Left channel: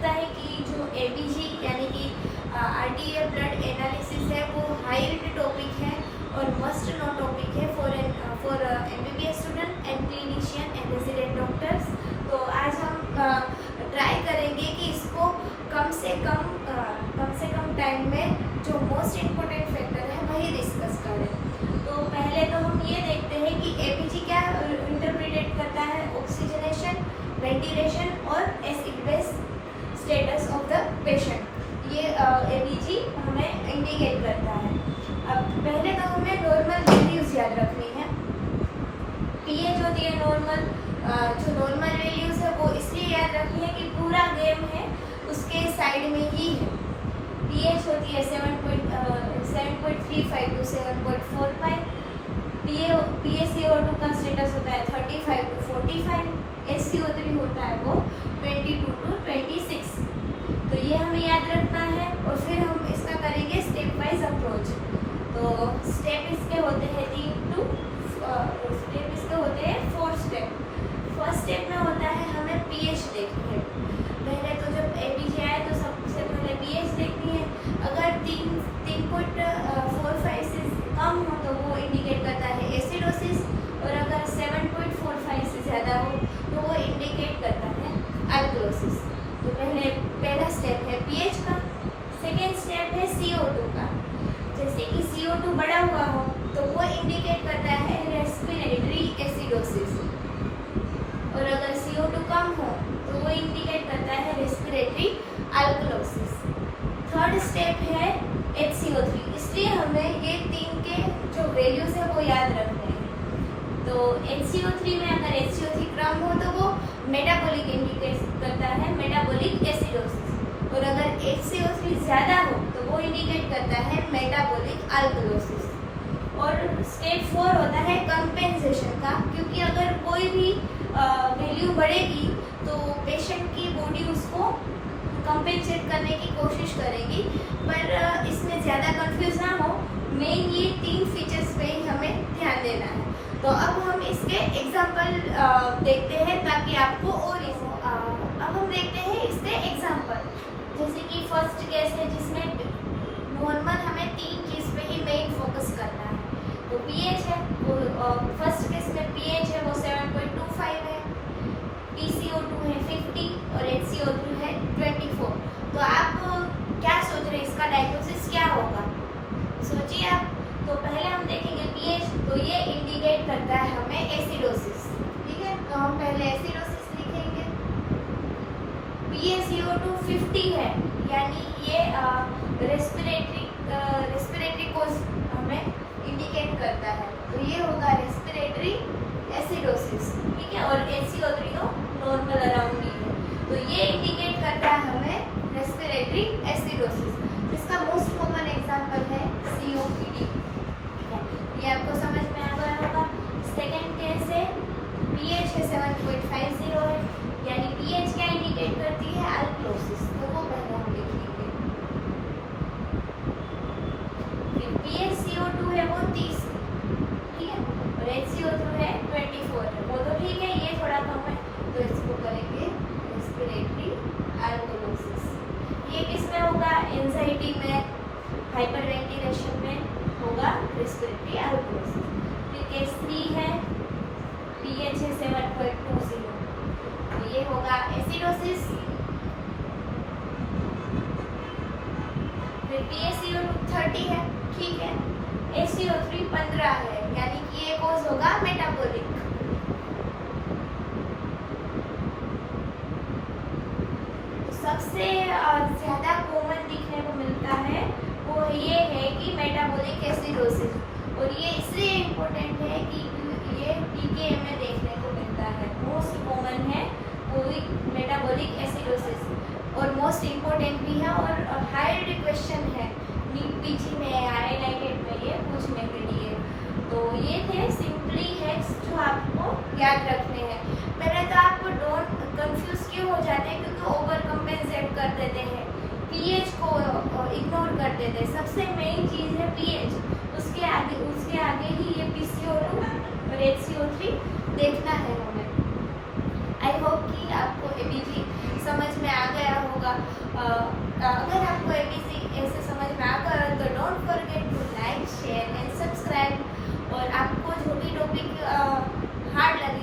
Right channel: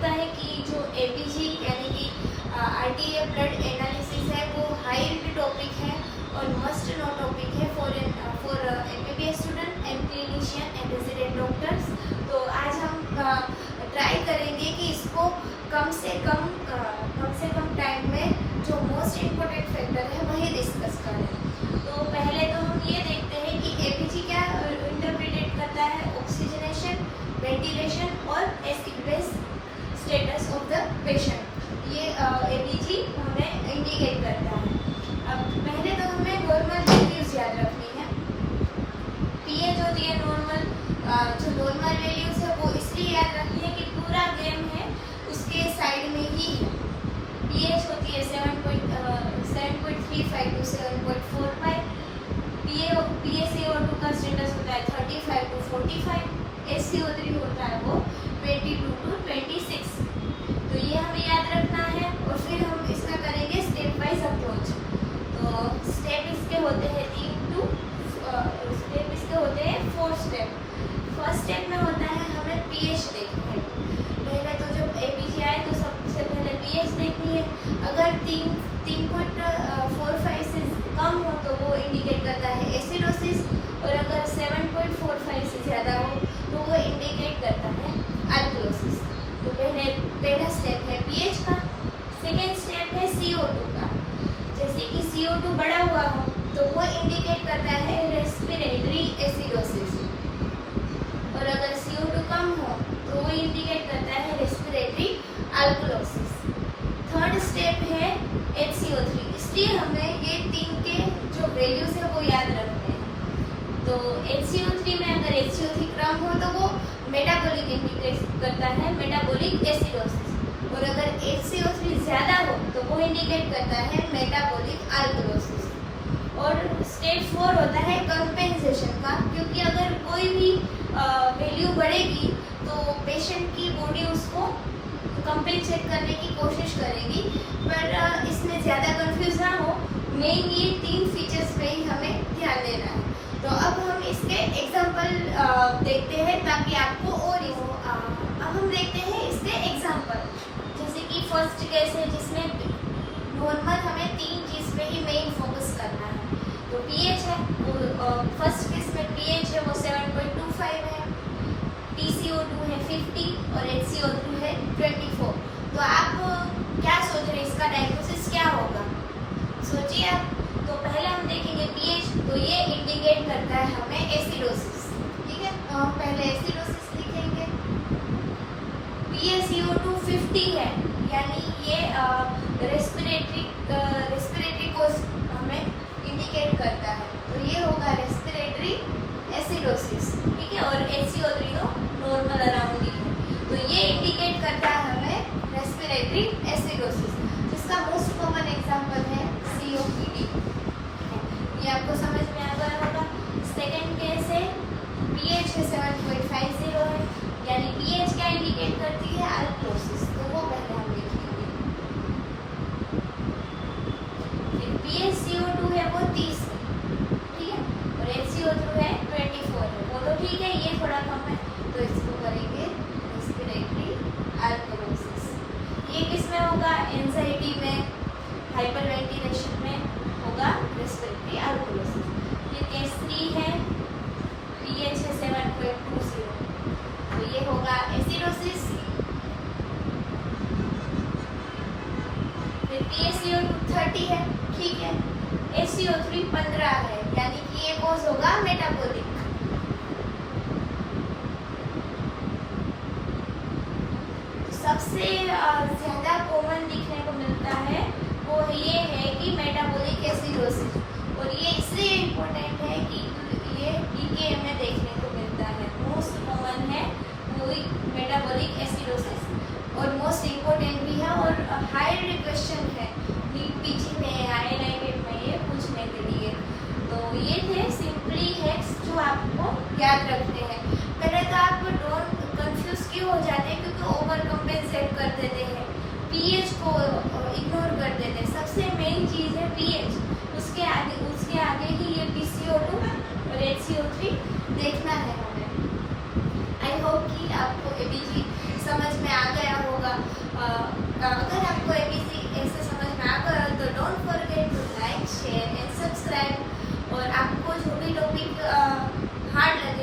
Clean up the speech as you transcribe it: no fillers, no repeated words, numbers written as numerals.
लगता है कि जो एबीजी यानी कि आरटीए ब्लड एनालिसिस है वो हाई रिलेटेड टॉपिक है और मस्ट नो टॉपिक है for MBBS student and clinician and resident doctors. तो आज हम ट्राई करेंगे कि इसको कम से कम टाइम में जो मोस्ट इम्पोर्टेंट फैक्टर है वही डिस्कस करें। तो पहले तो हम ये देखते हैं कि एबीजी क्या इंटरप्रेटेड करता है, ऑक्सीजनेशन, वेंटिलेशन और acid base status of the patient. ये एबीजी हमें इंडिकेट करता है। अब पहले तो हमें नॉर्मल वैल्यूज याद रखनी है। पीएच होती है नॉर्मल, जो नॉर्मल वैल्यूज है वो इसलिए याद रखनी है कि पूरा गेम है उसके साइड में ही है। पीएच होती है 7.35 टू 7.45, PaCO2 का स्टेटस होता है 35 टू 45, SCO3 होता है वो 22 टू 26। तो ये हमें याद रखना है और फिर हम इसका करेंगे स्टेप वाइज अप्रोच। तो स्टेप इसके होते हैं 4 स्टेप। फर्स्ट स्टेप में होता है हमें पीएच देखनी है। पहले तो जब एबीजी आए तो सबसे पहले पीएच देखनी है। अगर 3.45 से कम हो तो वो इंडिकेट करता है एसिडोसिस, और अगर 7.45 से ज़्यादा हो तो वो इंडिकेट करता है अल्कलोसिस। तो पहला स्टेप है पीएच का। सेकेंड स्टेप है CO2 का। जैसे कि CO2 बढ़ा हुआ हो तो वो इंडिकेट करता है रेस्पिरेटरी एसिडोसिस, और अगर CO2 कम हो तो वो इंडिकेट करता है रेस्पिरेटरी अल्कलोसिस। थर्ड स्टेप है HCO3। इसलिए हमें ये 3 के जो वैल्यूज है वो याद रखने हैं। तो HCO3 में अगर HCO3 कम हो तो वो मेटाबॉलिक इंडिकेट करता है मेटाबॉलिक एसिडोसिस, और अगर HCO3 ज़्यादा हो तो वो इंडिकेट करता है मेटाबॉलिक अल्कलोसिस। और स्टेप 4 होता है कंपेंसेशन का, क्योंकि अगर कोई भी वैल्यू बढ़ेगी तो पेशेंट की बॉडी उसको कंपेंसेट करने की कोशिश करेगी, पर इसमें ज़्यादा कंफ्यूज ना हो। मेन ये 3 फीचर्स पे ही हमें ध्यान देना है। तो अब हम इसके एग्जाम्पल देखते हैं ताकि आपको और अब हम देखते हैं इसके एग्जाम्पल। जैसे कि फर्स्ट केस है जिसमें नॉर्मल हमें 3 चीज़ पे ही मेन फोकस करना है। तो पीएच है वो फर्स्ट केस में पीएच है वो 7.25 है, PCO2 है 50 और HCO3 है 24। तो आप क्या सोच रहे हैं इसका डायग्नोसिस क्या होगा? सोचिए आप। तो पहले हम देखेंगे पीएच, तो ये इंडिकेट करता है हमें एसिडोसिस। ठीक है, तो हम पहले एसिडोसिस लिखेंगे। PaCO2 50 है, यानी ये रेस्पिरेटरी कोज हमें इंडिकेट करता है। तो ये होगा रेस्पिरेटरी एसिडोसिस। ठीक है, और HCO3 तो नॉर्मल अराउंड ही है। तो ये इंडिकेट करता है हमें रेस्पिरेटरी एसिडोसिस, जिसका मोस्ट कॉमन एग्जांपल है COPD। ये आपको समझ में आ गया होगा। सेकेंड केस है पीएच है 7.50 है, यानी पीएच क्या इंडिकेट करती है अल्कलोसिस। तो वो पहले हम देखेंगे। फिर PaCO2 है वो 30, ठीक है, और HCO2 है 24 है। वो तो ठीक है, ये थोड़ा कम है, तो इसको करेंगे रेस्पिरेटरी अल्कलोसिस। ये किस में होगा? एंजाइटी में, हाइपरवेंटिलेशन में होगा रेस्पिरेटरी अल्कलोसिस। फिर केस 3 है पीएच है 7.20, तो ये होगा एसिडोसिस। फिर PaCO2 30 है, ठीक है, HCO3 15 है, यानी कि ये कोज होगा मेटाबॉलिक। सबसे ज़्यादा कॉमन दिखने को मिलता है वो ये है कि मेटाबॉलिक एसिडोसिस, और ये इसलिए इम्पोर्टेंट है कि ये टीके में देखने को मिलता है। मोस्ट कॉमन है वो मेटाबॉलिक एसिडोसिस, और मोस्ट इम्पोर्टेंट भी है, और हाई क्वेश्चन है नीट पीजी में, IIT में ये पूछने के लिए। तो ये थे सिंपली हैक्स जो आपको याद रखने हैं। पहले तो आप डोंट कंफ्यूज क्यों हो जाते हैं, क्योंकि ओवर कंपेंसेट कर देते हैं, पीएच को इग्नोर कर देते हैं। सबसे मेन चीज़ है पीएच, उसके आगे ही ये PCO2 और HCO3 देखना है हमें। आई होप कि आपको एबीजी समझ में आ गया होगा। अगर आपको ABC ऐसे समझ में आ गया तो don't forget to like share and subscribe. और आपको जो भी टॉपिक हार्ड लगे